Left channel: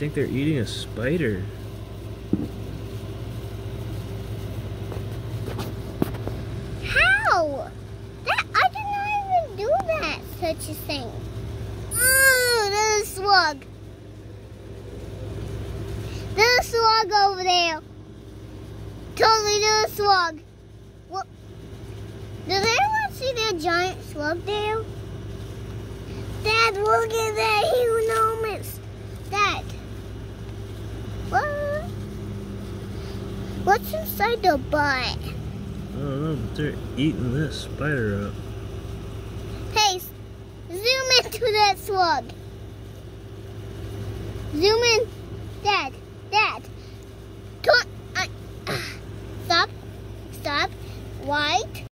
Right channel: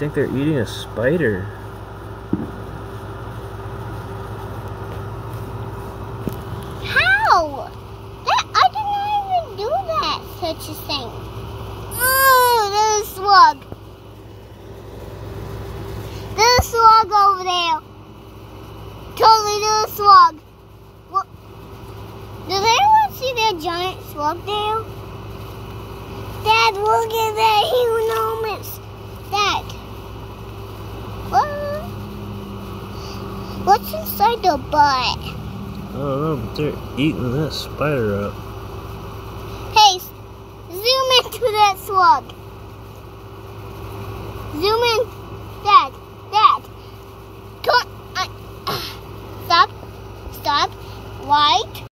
think they're eating a spider. How? I did not even do that, such a thing. Oh, there's a slug. There's a slug over there. Totally, there's a slug. What? Does anyone see that giant slug there? Dad, look at that enormous. Dad. What? What's inside the butt? I don't know, but they're eating that spider up. Hey, zoom into that slug. Zoom in.